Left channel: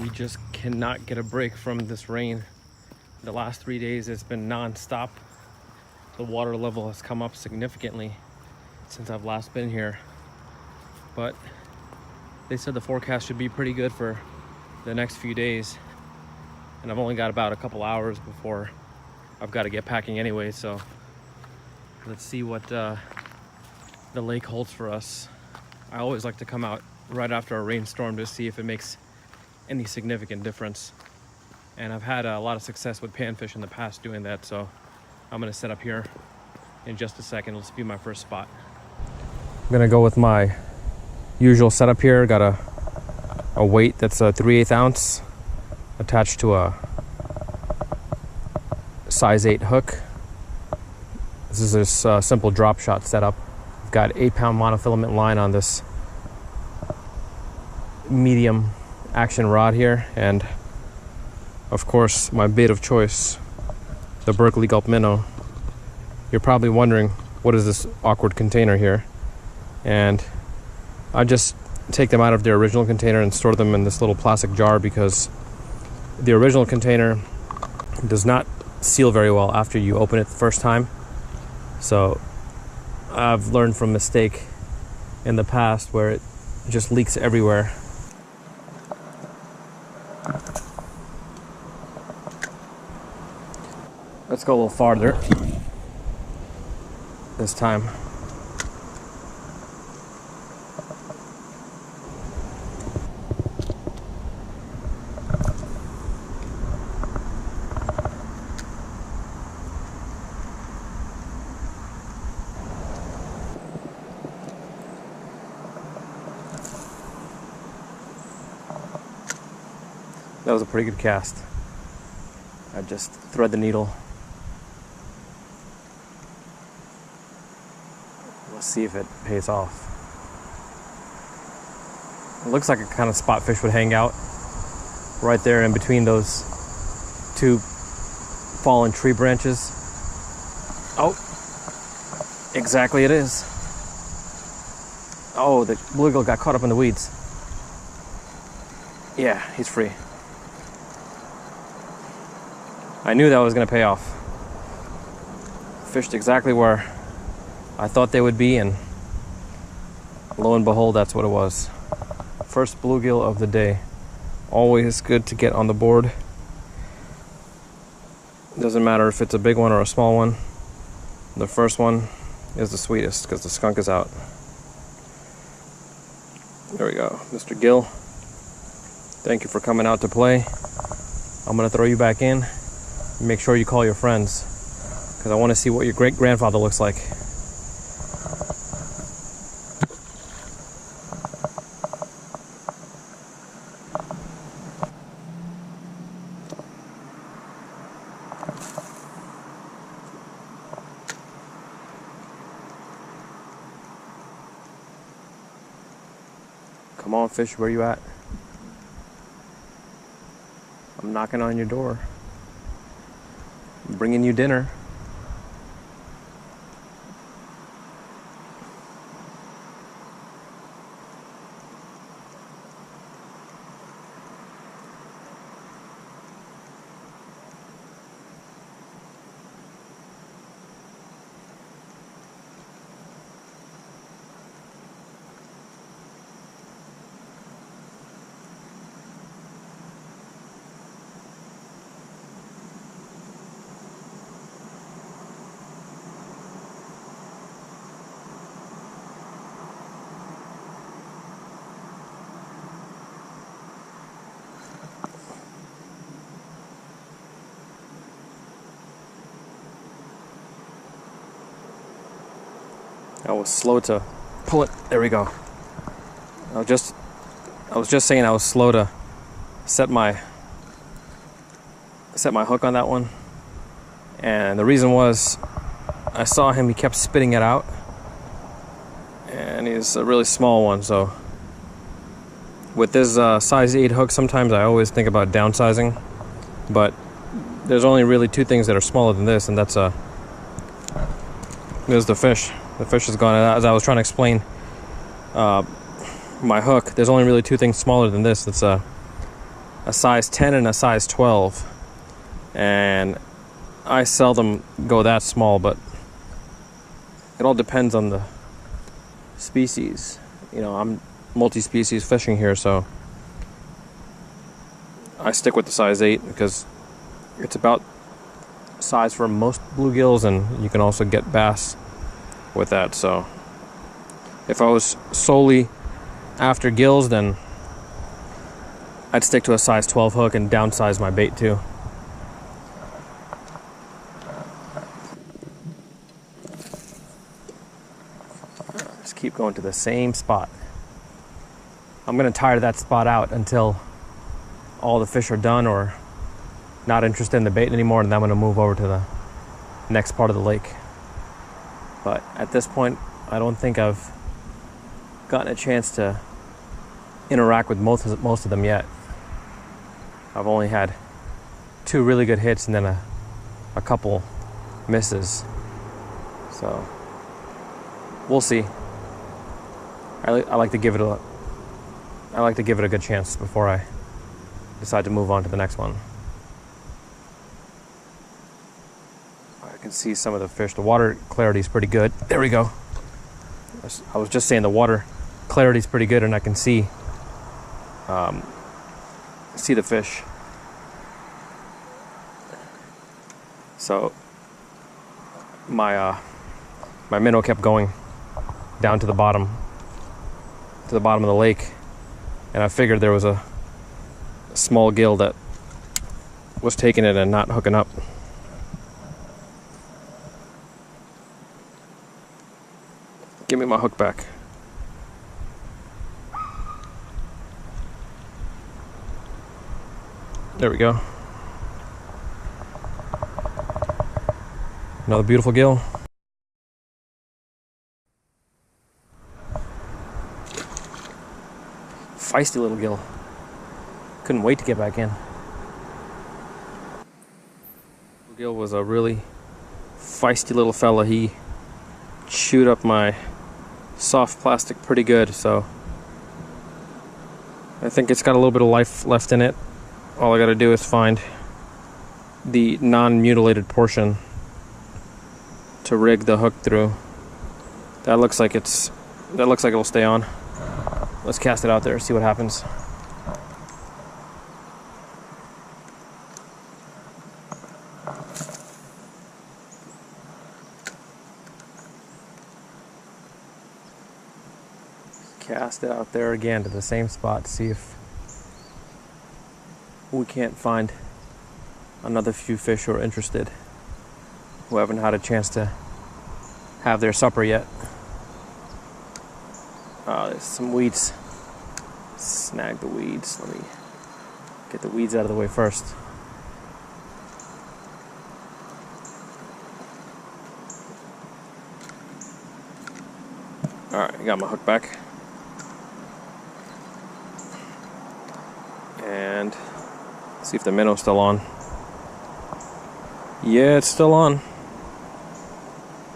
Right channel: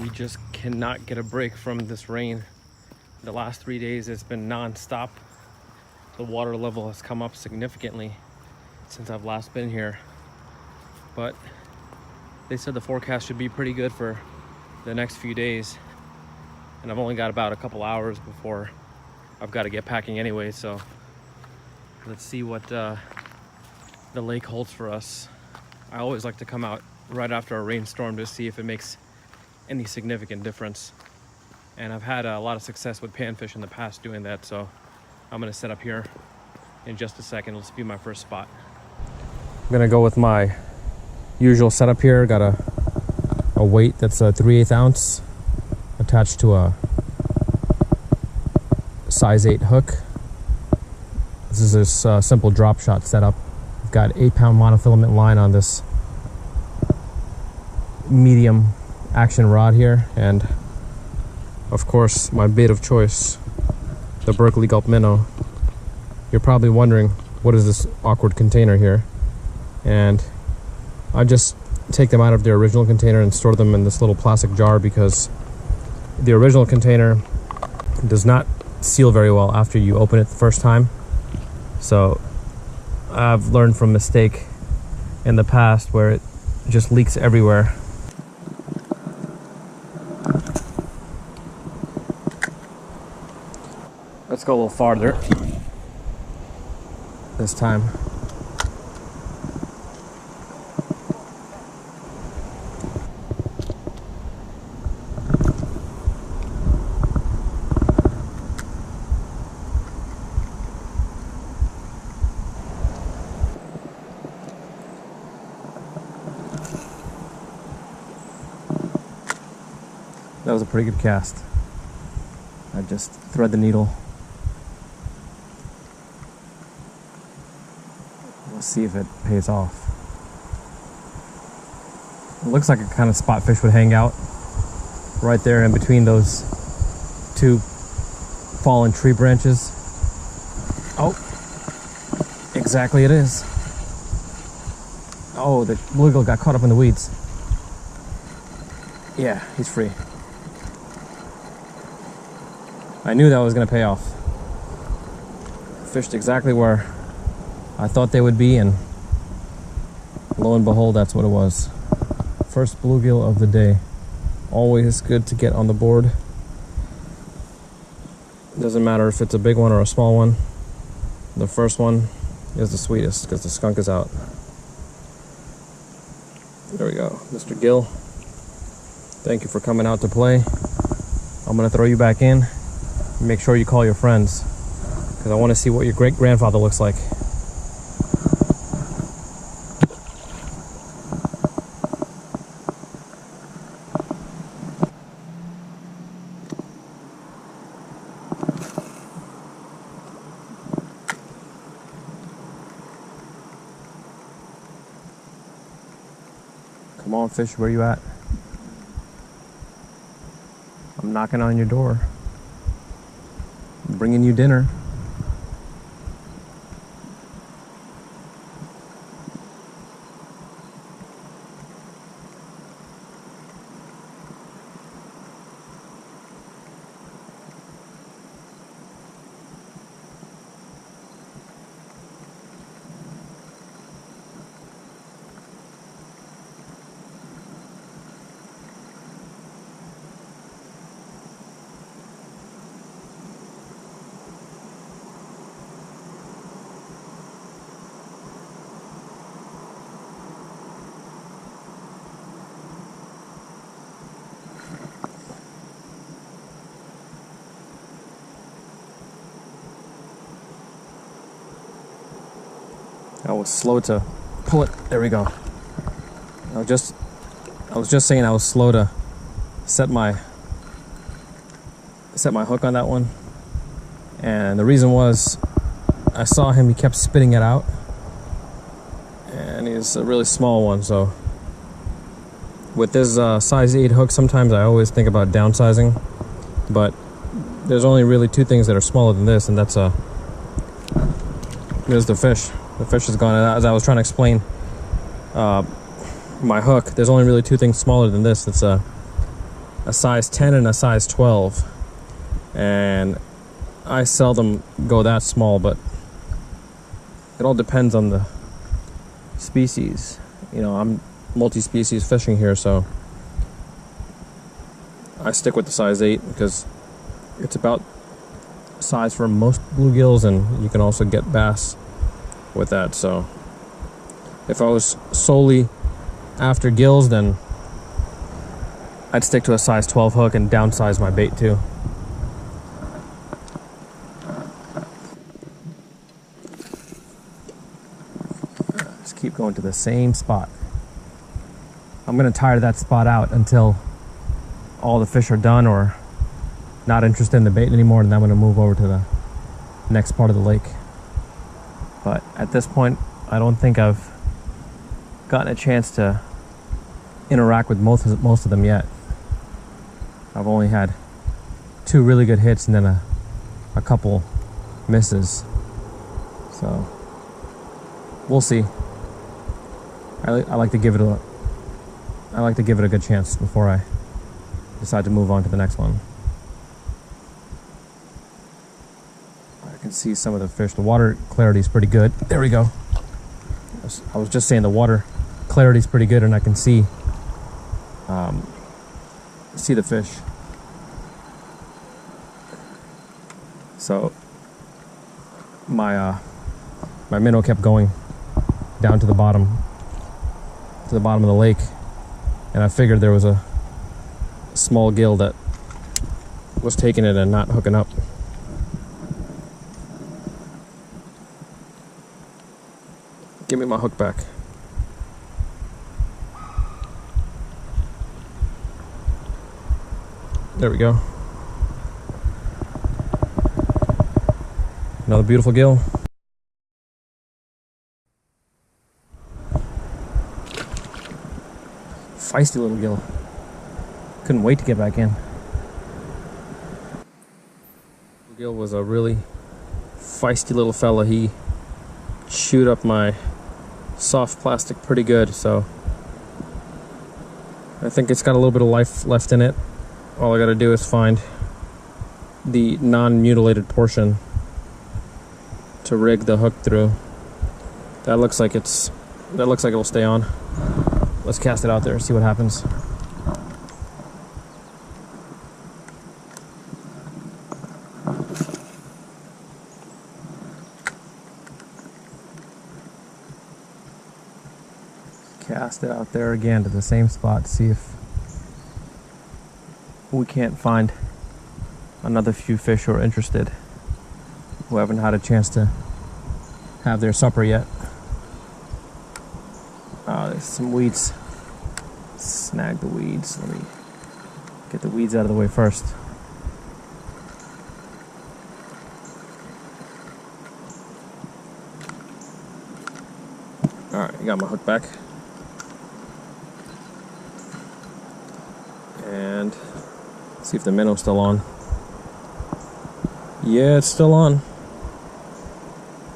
We just cannot get a break from this rain. The last 3 days it's been non-stop. The water level has come up significantly since I've last been here. But they said the forecast should be pretty good for the next few days. And I've only got about a couple hours before I've got to get packing anyway, so let's see what the lake holds for us. I always like to come out right after a rainstorm to see if it makes any significant difference. And I've had a lot of success with panfish in the past doing that, so I'm gonna set up here in just a second. Let's be my first spot. I'm gonna go with my usual setup here. Got a weight that's a 3/8 ounce attached to a size 8 hook. This is a simple drop shot setup. I've got 8-pound monofilament line on this medium action rod here, and of course my bait of choice, the Berkeley Gulp minnow. You're probably wondering, what is this awkward container here? And I just take them out of their original container and store them in this little plastic jar because the original container does not seal very well after you open it the first time. So I've learned from mistake in the past where it just leaks everywhere. Let's go a little farther this time. That was a pretty good cast. I just thread the needle. Let's see if it pays off. It looks like a kind of spot fish would hang out right there in between those two fallen tree branches. Oh, exactly it is. Oh, the bluegill got caught up in the weeds. Yeah, he's free. I knew that was going to pay off. Fished exactly where I thought they would be, and lo and behold, that's what it was. First bluegill of the day. Always good to get on the board. Doesn't matter if it's a big one or a small one. The first one is the sweetest because the skunk is out. There we go. Mr. Gill, thank you for coming out to play. I'm going to throw you back in. Make sure you call your friends because I want to see what your great-grandfather looks like. Come on, fish, where you at? I'm knocking on your door. I'm bringing you dinner. I was slow to pull it. There we go. I was just saying I was slow to set my hook on that one. And the reason was I saw him, he kept spitting it out. And he's a really small one, so with this size 8 hook, sometimes I always think about downsizing, but there's only really two things that are smaller than this, and that's there's the fish. The fish is gone. As I was trying to explain my hook, there's only really two things smaller than this. It's a size 10 and a size 12. And I seldom go that small, but it all depends on the species. You know, I'm multi-species fishing here, so I stick with the size 8 because it's about size for most bluegills, and you can also get bass with that. So if I was solely after gills, then I'd stick to a size 12 hook and downsize my bait too. Just keep going to the same spot. I'm gonna tire that spot out until all the fish are done or not interested in the bait anymore, and then I'm gonna move over to the next part of the lake. But at this point, I don't think I've gotten a chance to interact with most of them yet. I've only had 2 really good hits and then a couple misses. So we'll see. I like to give it a good chance before I decide to move on to the next one. I can see some of the fish. The water clarity is pretty good. There we go. I was just saying the water clarity is pretty good, and I can see the fish. So my minnow kept going down to the bottom of the lake, and I figured there was a small gill that was taking it and not hooking up. Give me my hook back. There we go. Another beautiful gill. Feisty little gill. Couldn't wait to get back in. Gill was a really feisty little fella. He chewed up my soft plastic pretty good, so I think it's got a little bit of life left in it. All I gotta do is find the non-mutilated portion to rig the hook through. That looks like it'll stay on. Let's cast it out there, see what happens. Cast it out there again to the same spot, see if we can't find another few fish who are interested, who haven't had a chance to have their supper yet. There's some weeds. Snag the weeds. Let me get the weeds out of the way first. Alright, I got my hook back. And see if the minnow's still on. Yeah, it's still on.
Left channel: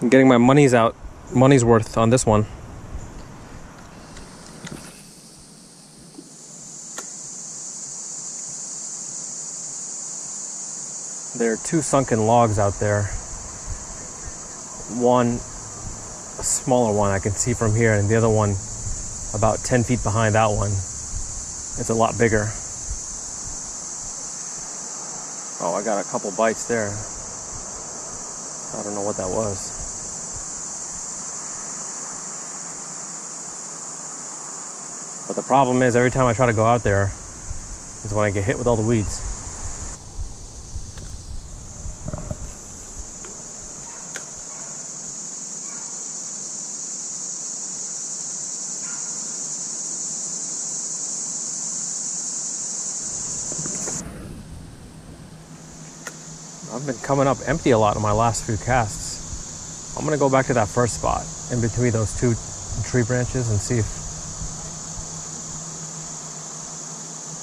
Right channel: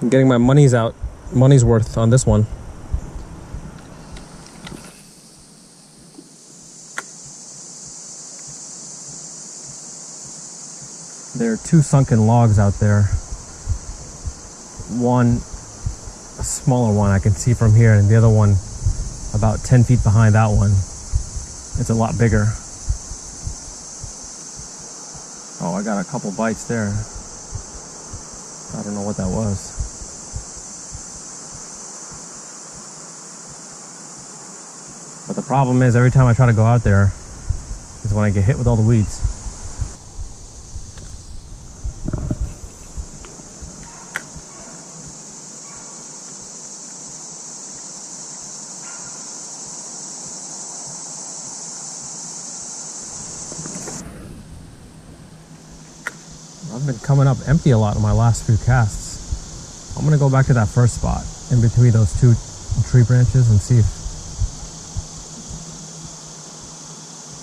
I'm getting my money's worth on this one. There are 2 sunken logs out there. One, a smaller one I can see from here, and the other one about 10 feet behind that one. It's a lot bigger. Oh, I got a couple bites there. I don't know what that was. But the problem is, every time I try to go out there is when I get hit with all the weeds. I've been coming up empty a lot in my last few casts. I'm gonna go back to that first spot in between those 2 tree branches and see if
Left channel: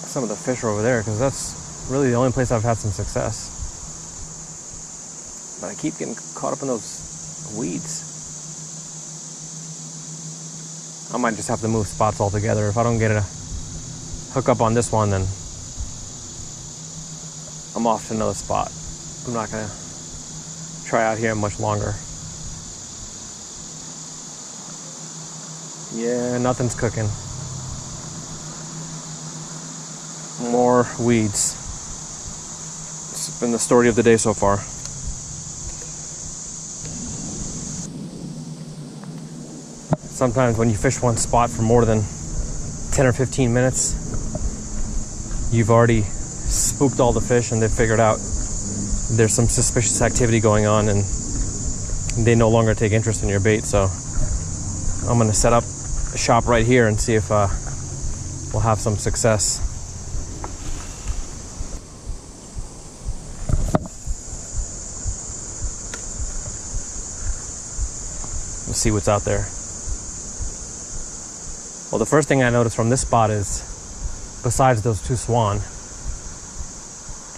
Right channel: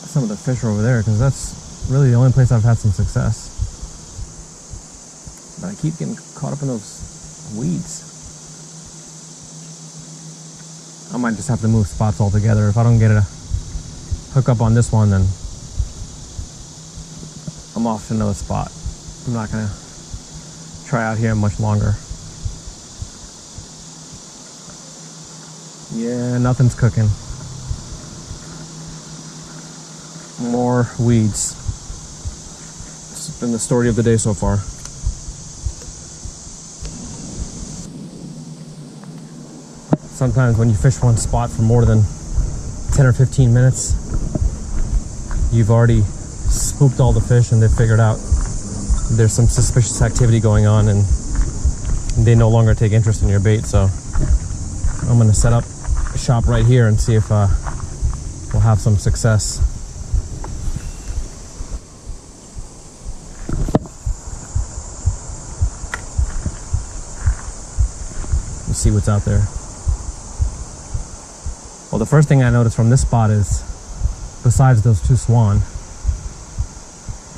some of the fish are over there, because that's really the only place I've had some success. But I keep getting caught up in those weeds. I might just have to move spots altogether. If I don't get a hook up on this one, then I'm off to another spot. I'm not gonna try out here much longer. Yeah, nothing's cooking. More weeds. It's been the story of the day so far. Sometimes when you fish one spot for more than 10 or 15 minutes, you've already spooked all the fish and they've figured out there's some suspicious activity going on and they no longer take interest in your bait. So I'm gonna set up a shop right here and see if we'll have some success. Let's see what's out there. Well, the first thing I noticed from this spot is, besides those two swan,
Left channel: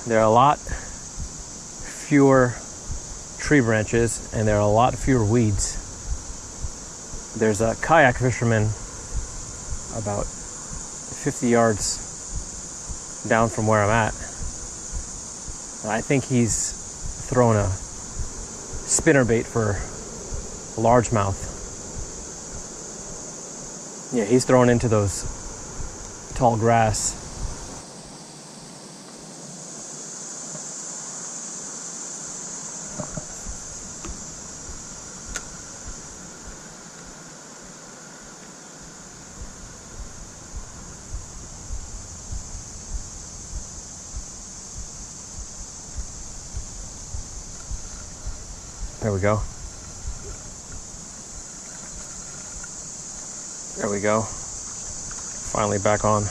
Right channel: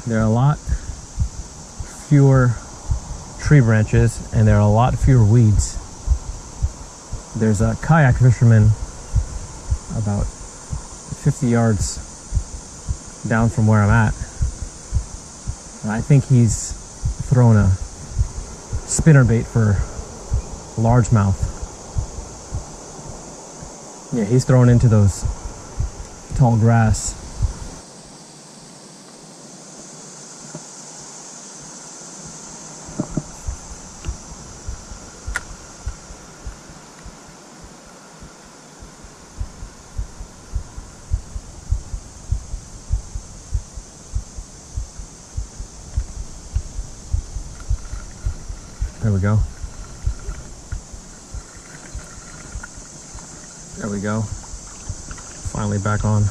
there are a lot fewer tree branches and there are a lot fewer weeds. There's a kayak fisherman about 50 yards down from where I'm at. And I think he's thrown a spinnerbait for largemouth. Yeah, he's thrown into those tall grass. There we go. There we go. Finally back on.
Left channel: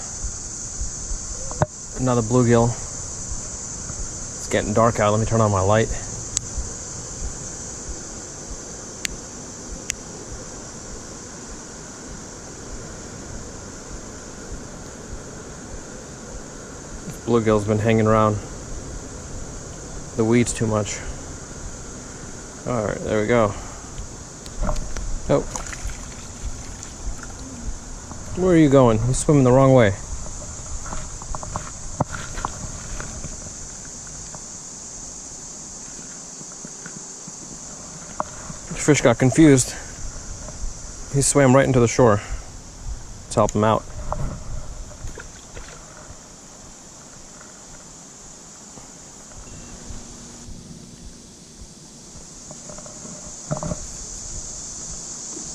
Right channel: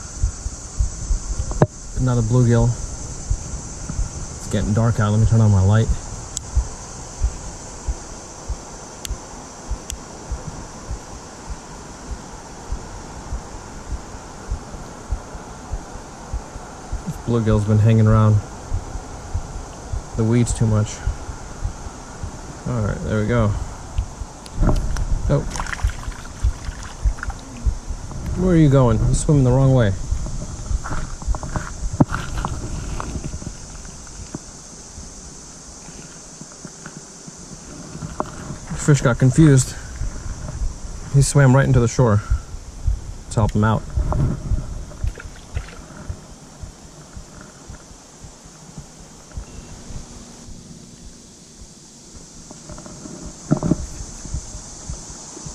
Another bluegill. It's getting dark out. Let me turn on my light. This bluegill's been hanging around the weeds too much. Alright, there we go. Oh. Where are you going? You're swimming the wrong way. The fish got confused. He swam right into the shore. Let's help him out.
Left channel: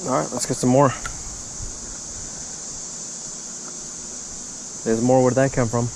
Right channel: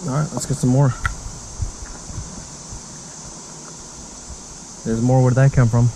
Alright, let's get some more. There's more. Where'd that come from?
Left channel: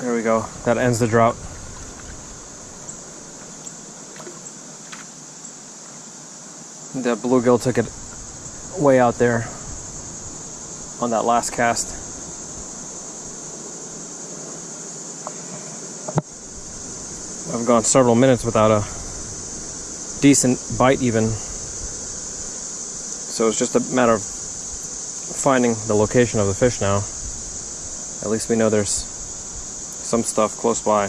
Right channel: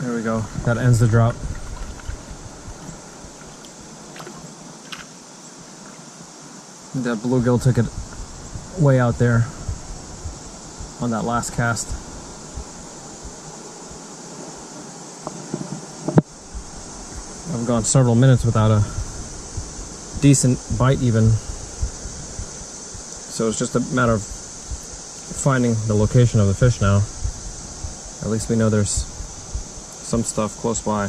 There we go. That ends the drought. That bluegill took it way out there on that last cast. I've gone several minutes without a decent bite even. So it's just a matter of finding the location of the fish now. At least we know there's some stuff close by.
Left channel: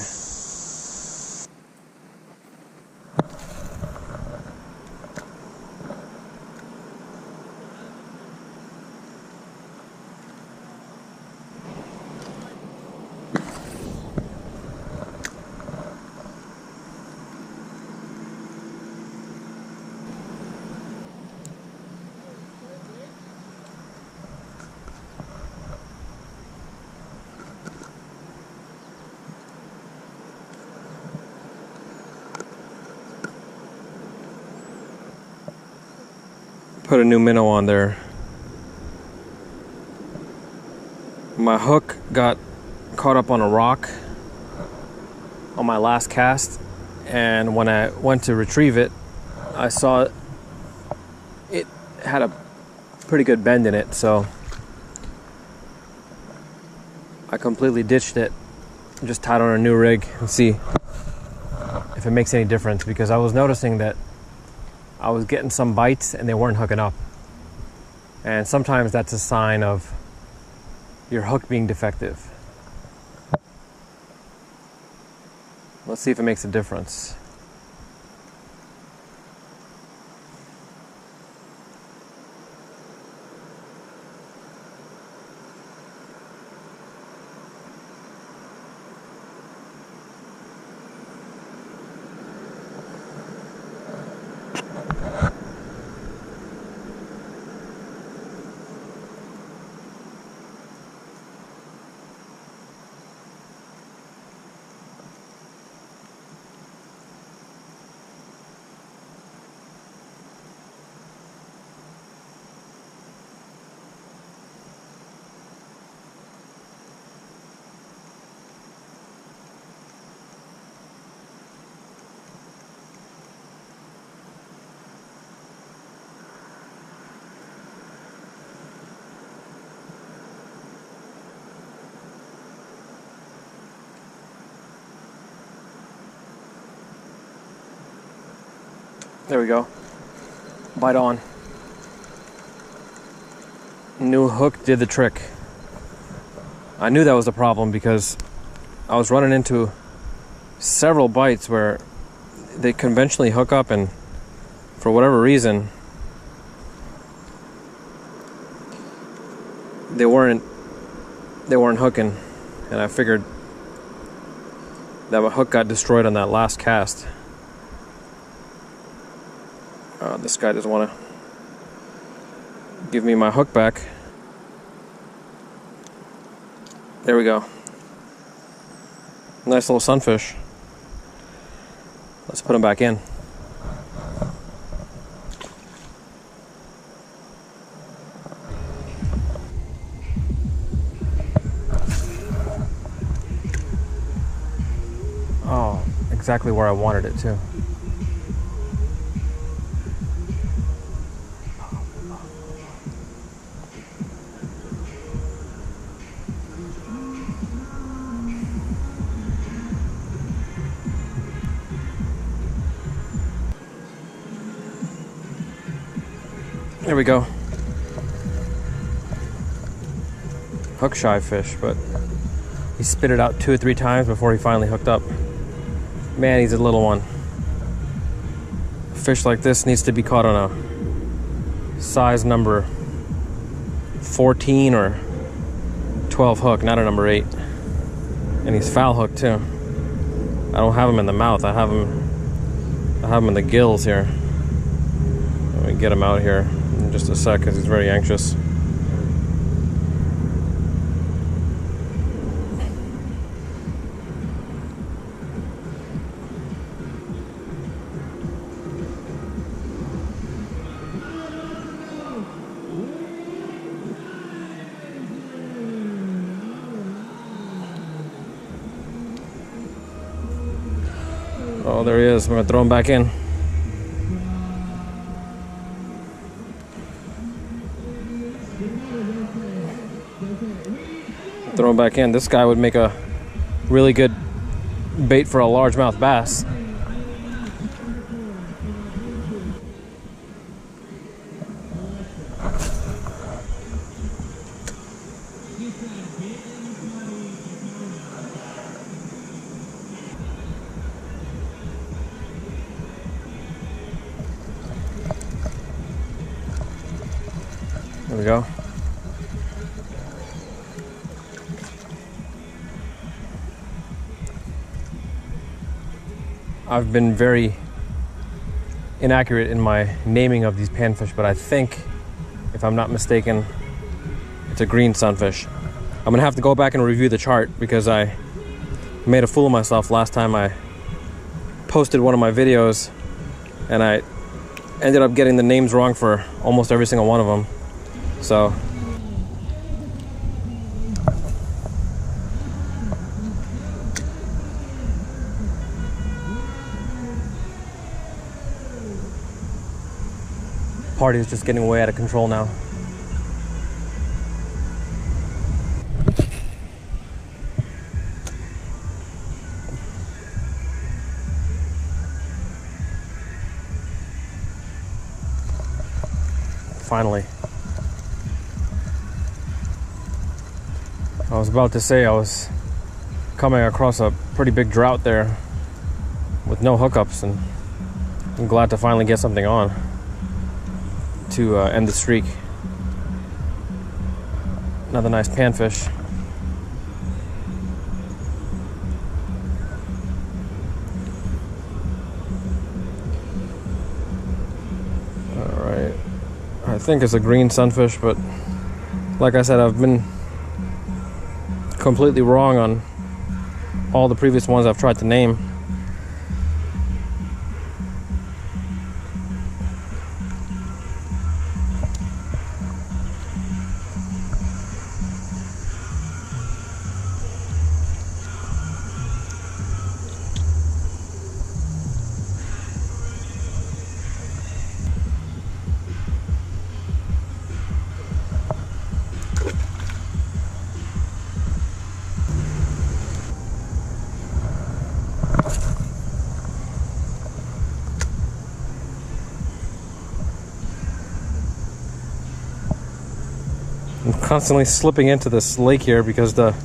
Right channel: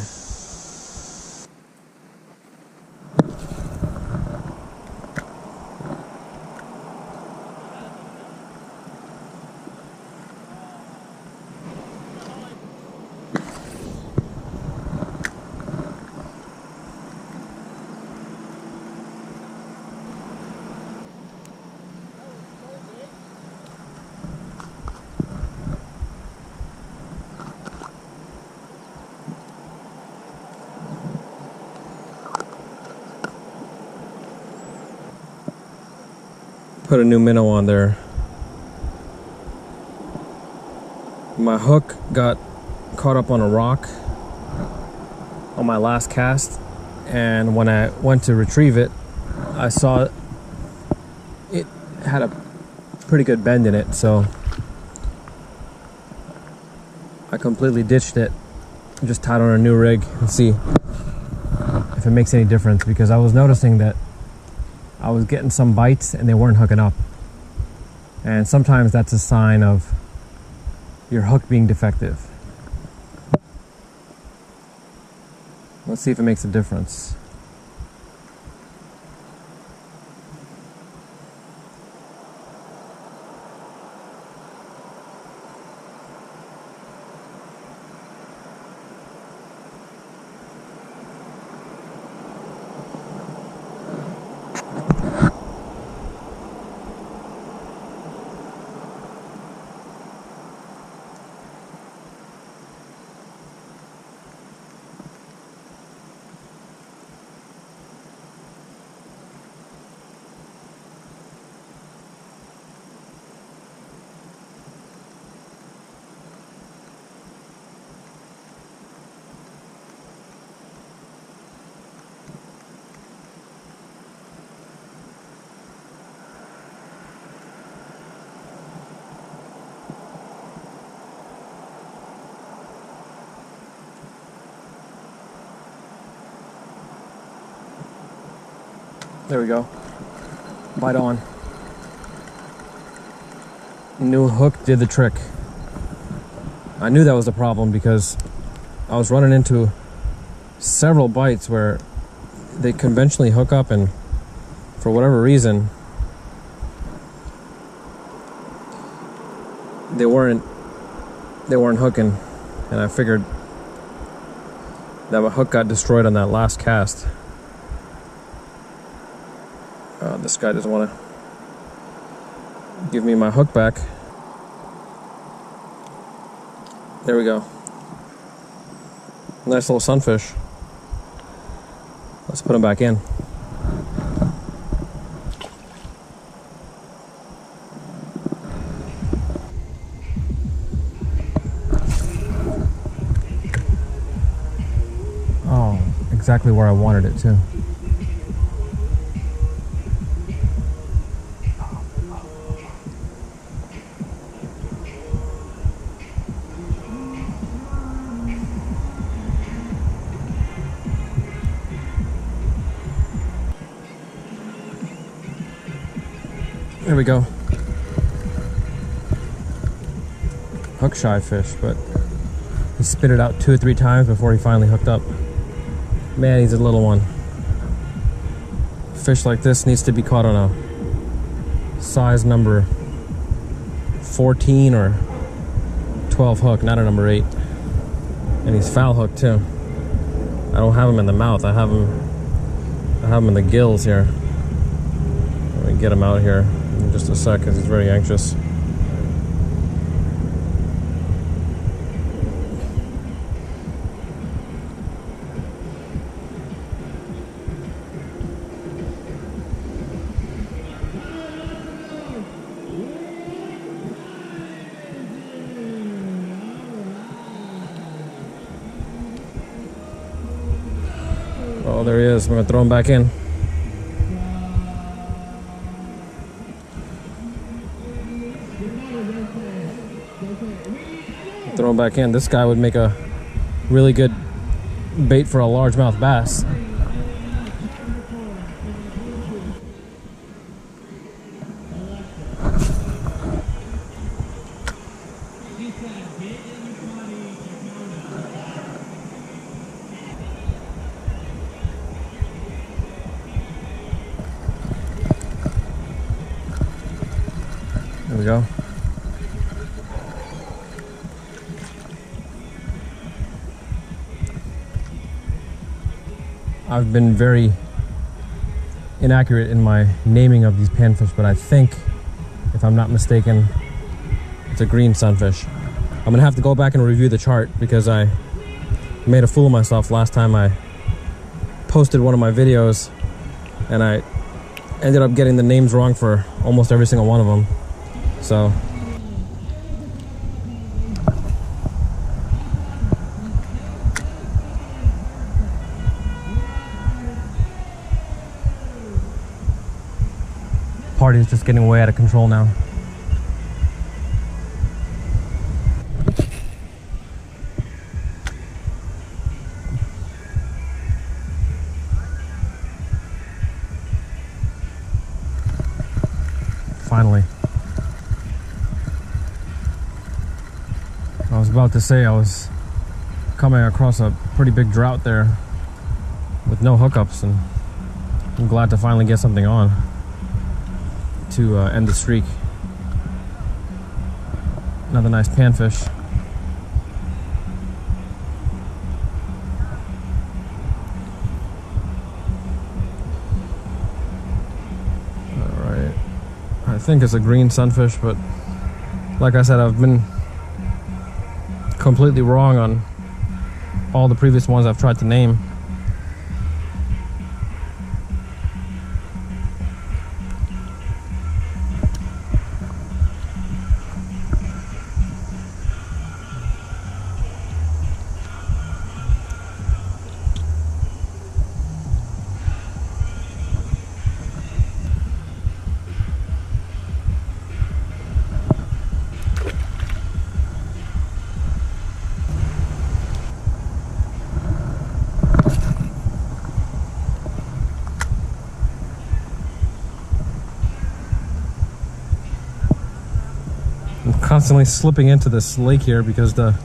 Put a new minnow on there. My hook got caught up on a rock on my last cast, and when I went to retrieve it, I saw it had a pretty good bend in it, so I completely ditched it, just tied on a new rig and see if it makes any difference, because I was noticing that I was getting some bites and they weren't hooking up, and sometimes that's a sign of your hook being defective. Let's see if it makes a difference. There we go. Bite on. New hook did the trick. I knew that was the problem because I was running into several bites where they conventionally hook up, and for whatever reason they weren't hooking, and I figured that my hook got destroyed on that last cast. This guy doesn't want to give me my hook back. There we go. Nice little sunfish. Let's put him back in. Oh, exactly where I wanted it too. There we go. Hook shy fish, but he spit it out 2 or 3 times before he finally hooked up. Man, he's a little one. A fish like this needs to be caught on a size number 14 or 12 hook, not a number 8. And he's foul hooked too. I don't have him in the mouth. I have him in the gills here. Let me get him out here in just a sec because he's very anxious. Oh, there he is. We're gonna throw him back in. Throw him back in. This guy would make a really good bait for a largemouth bass. There we go. I've been very inaccurate in my naming of these panfish, but I think, if I'm not mistaken, it's a green sunfish. I'm gonna have to go back and review the chart because I made a fool of myself last time I posted one of my videos, and I ended up getting the names wrong for almost every single one of them. So party is just getting way out of control now. Finally. I was about to say I was coming across a pretty big drought there with no hookups, and I'm glad to finally get something on to end the streak. Another nice panfish. Alright, I think it's a green sunfish, but like I said, I've been completely wrong on all the previous ones I've tried to name. I'm constantly slipping into this lake here because the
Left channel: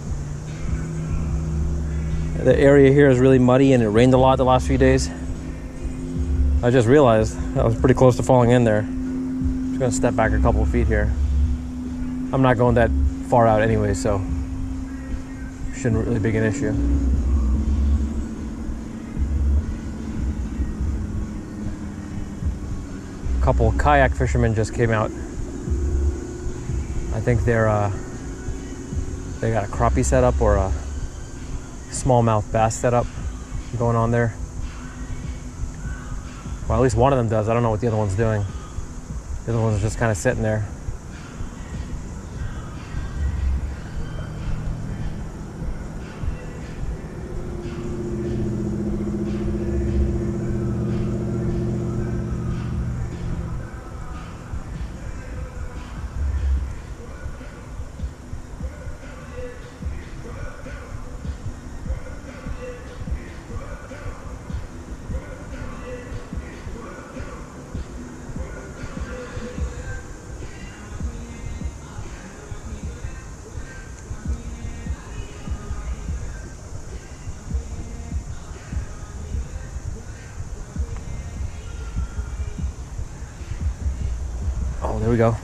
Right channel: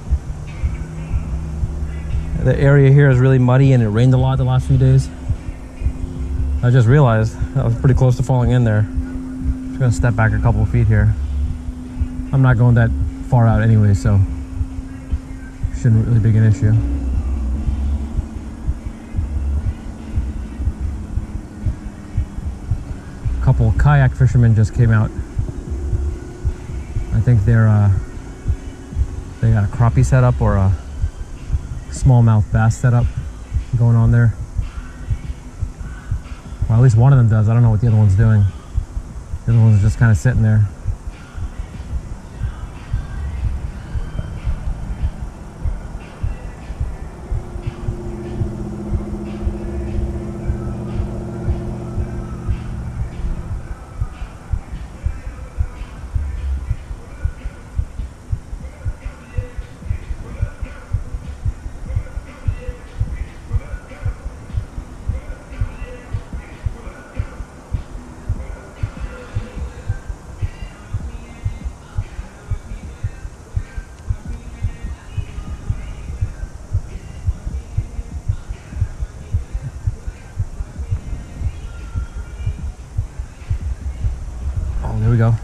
area here is really muddy and it rained a lot the last few days. I just realized I was pretty close to falling in there. Just gonna step back a couple of feet here. I'm not going that far out anyway, so shouldn't really be an issue. A couple of kayak fishermen just came out. I think they got a crappie setup or a smallmouth bass setup going on there. Well, at least one of them does. I don't know what the other one's doing. The other one's just kind of sitting there. Oh, there we go.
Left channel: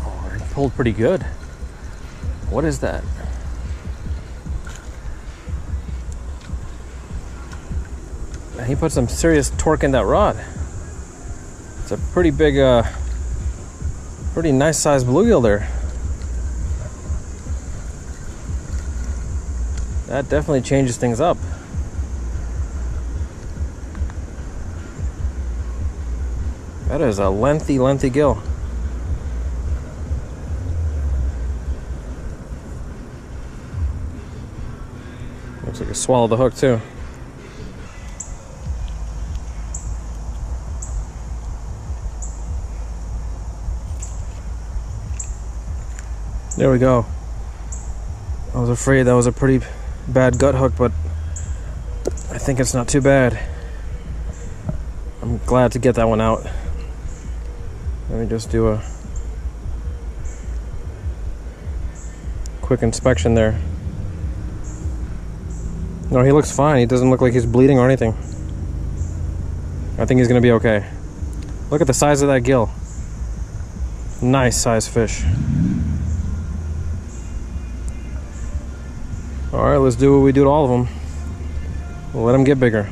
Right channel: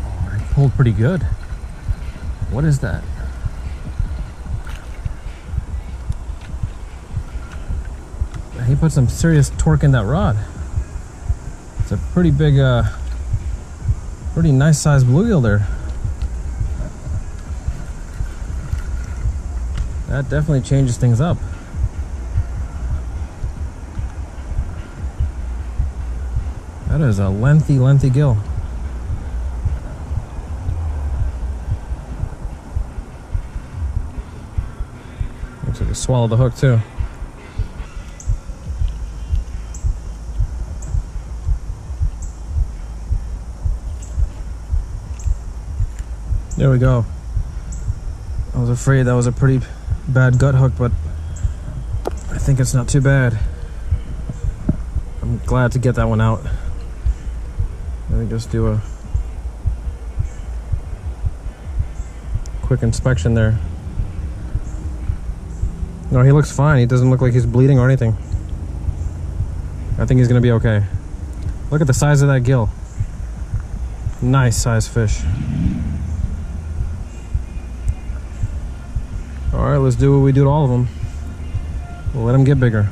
Oh, he pulled pretty good. What is that? He put some serious torque in that rod. It's a pretty big, pretty nice sized bluegill there. That definitely changes things up. That is a lengthy gill. Looks like it swallowed the hook too. There we go. I was afraid that was a pretty bad gut hook, but I think it's not too bad. I'm glad to get that one out. Let me just do a quick inspection there. No, he looks fine. He doesn't look like he's bleeding or anything. I think he's gonna be okay. Look at the size of that gill. Nice size fish. All right, let's do what we do to all of them. We'll let them get bigger.